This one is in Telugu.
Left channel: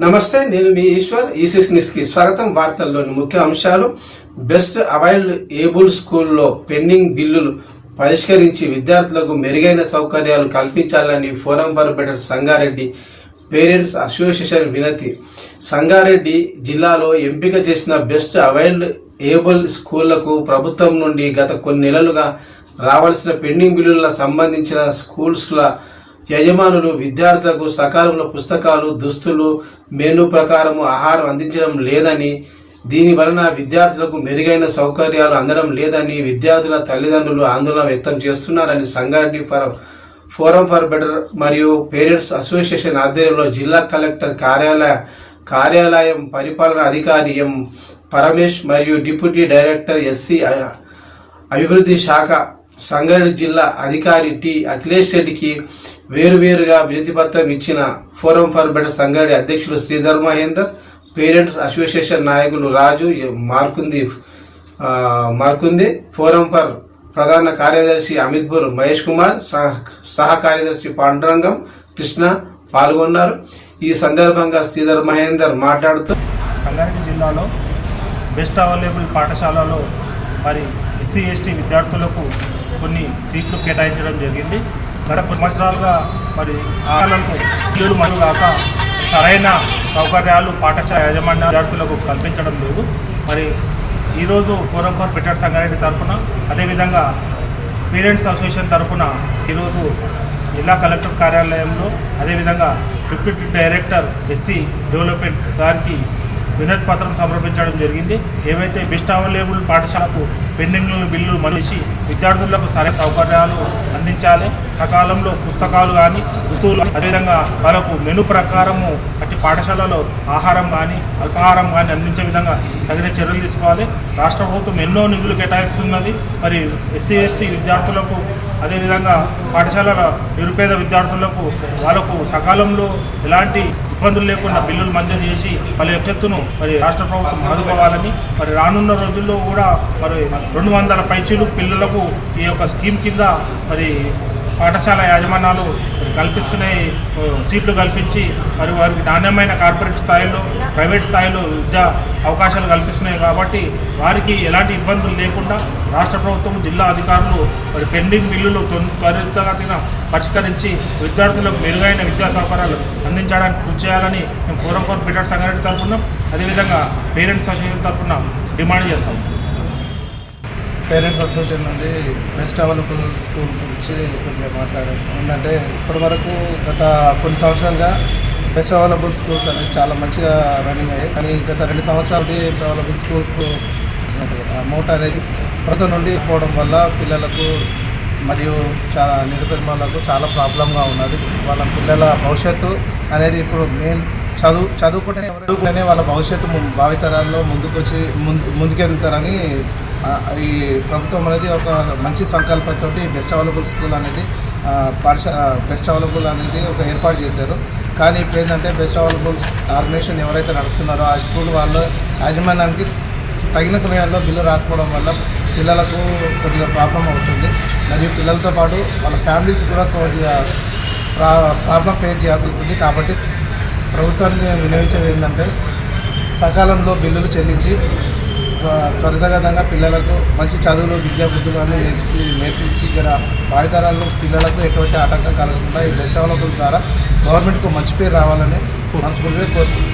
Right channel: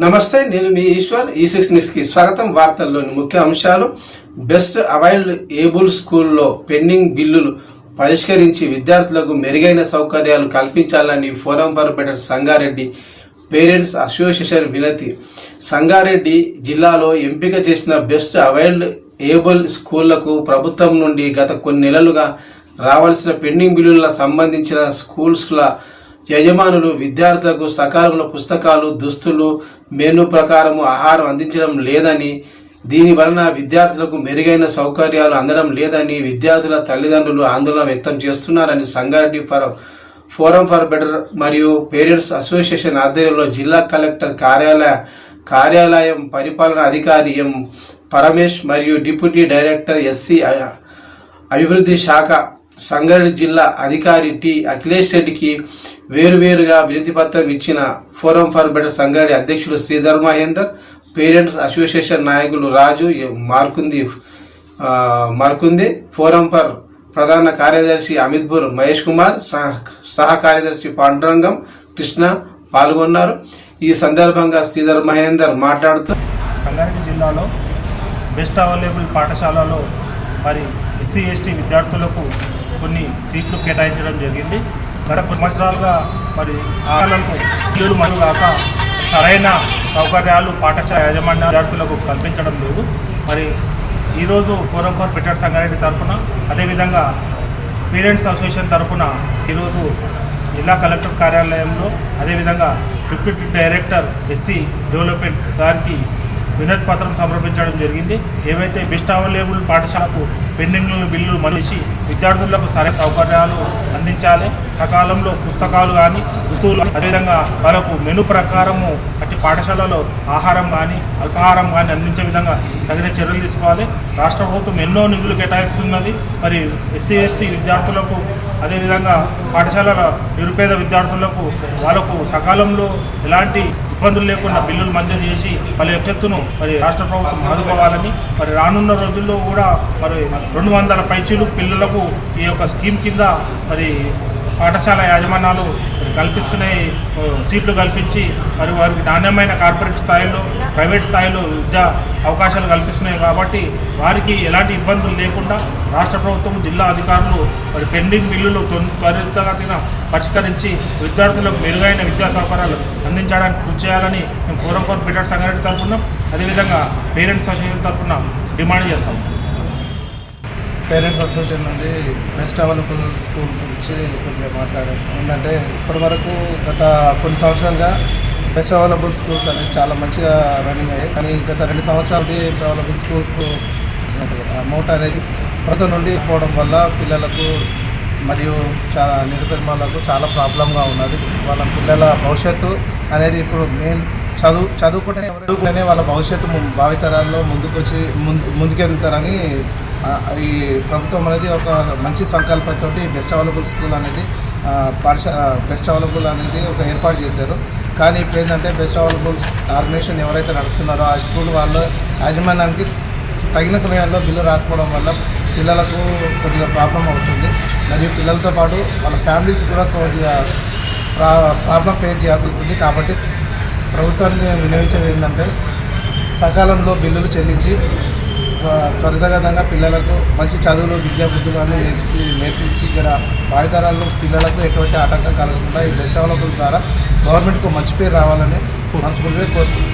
నమస్తే, నేను మీ ఈశ్వర్. ఈ6 న్యూస్కి స్వాగతం. వార్తల్లోని ముఖ్య అంశాలు: బెస్ట్ అవైల్డ్ ఏబుల్ స్కూల్లో పెండింగ్ బిల్లులు పరిష్కరించి విద్యార్థులకు మెరుగైన సౌకర్యాలు కల్పించాలని forum for better Sangareddy parents association వినతి. సంగారెడ్డి జిల్లాలో ఎంపిక చేసిన బెస్ట్ అవైల్డ్ ఏబుల్ స్కూళ్లకు ప్రభుత్వం నుండి గత కొన్ని నెలలుగా రావాల్సిన పెండింగ్ బిల్లులకు సంబంధించిన స్కూల్స్ల యజమానులు విద్యార్థులకు సకాలంలో పుస్తకాలు, దుస్తులు, మెనూ ప్రకారం ఆహారం అందించడం లేదని, దీని వలన విద్యార్థులకు మెరుగైన సౌకర్యాలు అందడం లేదని విద్యార్థుల తల్లిదండ్రులు ఆందోళన వ్యక్తం చేస్తున్నారని సంగారెడ్డి ఫోరం ఫర్ బెటర్ మరియు పేరెంట్స్ అసోసియేషన్ ఆధ్వర్యంలో జిల్లా కలెక్టర్ కార్యాలయం పరిపాలనా అధికారి ఎం పరమేష్ మరియు డిప్యూటీ డైరెక్టర్ ఎస్సీ అభివృద్ధి శాఖ సంగారెడ్డి జిల్లా అధికారి టి అఖిలేష్ రెడ్డికి వేరువేరుగా వినతి పత్రం ఇచ్చిన ఫోరం ఫర్ బెటర్ సంగారెడ్డి అధ్యక్షులు శ్రీధర్ మహేందర్, పేరెంట్స్ అసోసియేషన్ నాయకులు రాజు మార్కుందే, ఫోరం ఫర్ ప్రధాన కార్యదర్శి అమిత్పూర్ మహేష్ కుమార్, సహ కార్యదర్శి పాండురంగం కృష్ణ పాల్గొన్నారు. ఈ సందర్భంగా శ్రీధర్ మహేందర్ మాట్లాడుతూ, సంగారెడ్డి జిల్లాలో బెస్ట్ అవైలబుల్ పాఠశాలలో మరి ఎస్సీ ఎస్టీ విద్యార్థులకు కొన్ని సీట్లు కేటాయించడం జరిగింది. గత కొన్ని సంవత్సరాలుగా మరి ఆలయాలకు ఇల్లు మరియు కాక సరైన సౌకర్యాలు పాఠశాల యాజమాన్య విద్యార్థులకు కల్పించడం లేదు. మరి ఈరోజు ఫోరం ఫర్ బెటర్ సంగారెడ్డి తరఫున, అదేవిధంగా పేరెంట్స్ అసోసియేషన్ తరఫున ఈరోజు జిల్లా కలెక్టర్ కార్యాలయంలో, అదేవిధంగా డిప్యూటీ డైరెక్టర్ ఎస్సీ డెవలప్మెంట్ గారికి వినతి పత్రం సమర్పించడం జరిగింది. ఏవైతే బెస్ట్ అవైలబుల్ పాఠశాలకు పెండింగ్ బిల్లులు మనిషి విద్యార్థులకు సరైన సౌకర్యాలు అందించాలి, సకాలంలో పుస్తకాలు కానీ దుస్తులు, అదేవిధంగా వాళ్ళకు మెను ప్రకారము అట్టి పాఠశాలలో ఆహారం కానీ అల్పాహారం కానీ అందించే విధంగా తగిన చర్యలు తీసుకోవాలి. రాష్ట్ర ప్రభుత్వం ఎన్నో నిధులు కేటాయిస్తున్నది. మరి ఎస్సీ ఎస్టీ విద్యార్థులకు, అదేవిధంగా పాఠశాలల నిరుపేద విద్యార్థులకు వాళ్ళకు సకాలంలో ఎలాంటి ఇబ్బందులు లేకుండా బిల్లులు మంజూరు చేసి వాళ్ళ ఎత్తెత్తును మరి రాష్ట్ర ప్రభుత్వం ఆదుకోవాలని, మరి రానున్న రోజుల్లో కూడా మరి 200 పైచీలు పిల్లలకు ఈ యొక్క స్కీమ్ కింద మరి పాఠశాల యాజమాన్యాలు కల్పిస్తున్నాయి, సీట్లు కల్పించి మరి వారికి నాణ్యమైన కార్పొరేట్ స్థాయిలో, ప్రైవేట్ స్థాయిలో విద్యా అవకాశాలు కల్పిస్తున్నాయి. కాబట్టి వారికి ఎలాంటి ఇబ్బందులు లేకుండా రాష్ట్ర ప్రభుత్వం, జిల్లా అధికారులు మరి పెండింగ్ బిల్లులు త్వరితగతిన పరిష్కరించి విద్యార్థులకు మెరుగైన విద్యా సౌకర్యాలు అందించడానికి కృషి చేయాలని మేము ఫోరం ఫర్ బెటర్ సంగారెడ్డి తరఫున, అదేవిధంగా పేరెంట్స్ అసోసియేషన్ తరఫున డిమాండ్ చేస్తాం. పేరెంట్స్ అసోసియేషన్ నుండి బెస్ట్ అవైలబుల్ స్కూల్ గురించి కొద్దిగా మాట్లాడారు. ఏంటంటే ఇప్పటి వరకు గత కొన్ని సంవత్సరాలుగా బెస్ట్ అవైలబుల్ స్కూల్స్ అనేది చాలా మంచిగా రన్నింగ్ అయ్యాయి. కానీ గత 2 సంవత్సరాల నుండి బెస్ట్ అవైలబుల్ స్కూల్స్కు అమౌంట్ అనేది ప్రభుత్వం నుండి పోవడం వల్ల పిల్లలకు మరియు చాలా నిరుపేద వాళ్ళకు చాలా ప్రాబ్లంగా ఉన్నది. వాళ్ళ పిల్లల భవిష్యత్తు అనేది ఇప్పుడు మెయిన్ చదువుకుంటేనే వాళ్ళ భవిష్యత్తు భావితరాల్లో ముందుకెదుగుతారని ఈ ప్రభుత్వం అనేది ఒక మంచి సంకల్పంతో బెస్ట్ అవైలబుల్ స్కూల్ అనేది బెస్ట్ అవైలబుల్ అనేది ఒక ఏర్పాటు చేశారు. కానీ ఇప్పుడు ఏంటంటే బెస్ట్ అవైలబుల్ ఆర్గనైజేషన్ ఎవరైతే నడుపుతున్నారో ఆ స్కూల్ వాళ్ళ యాజమాన్యానికి తగిన సమయంలో బిల్లు రాకపోవడం వల్ల పిల్లలకు కొద్దిగా ప్రాబ్లం అవుతుంది. మరియు పిల్లలతో పాటు వాళ్ళ ఫ్యామిలీస్ కూడా కొద్దిగా ప్రాబ్లం ఫేస్ చేయాల్సి వస్తుంది. కాబట్టి ప్రభుత్వానికి వినియోగించేది ఏంటంటే సకాలంలో బిల్లులు చెల్లించి త్వరితగతంగా పిల్లలకు మంచి చదువులు, విద్యాబుద్ధులు అన్నీ నేర్పించి ఇక్కడ భావితరాల్లో పిల్లలకు ఎటువంటి ఆటంకం కలగకుండా ఈ బెస్ట్ అవైలబుల్ ద్వారా గవర్నమెంట్కు మంచి పేరు రావాలని మనస్ఫూర్తిగా కోరుకుంటున్నాను.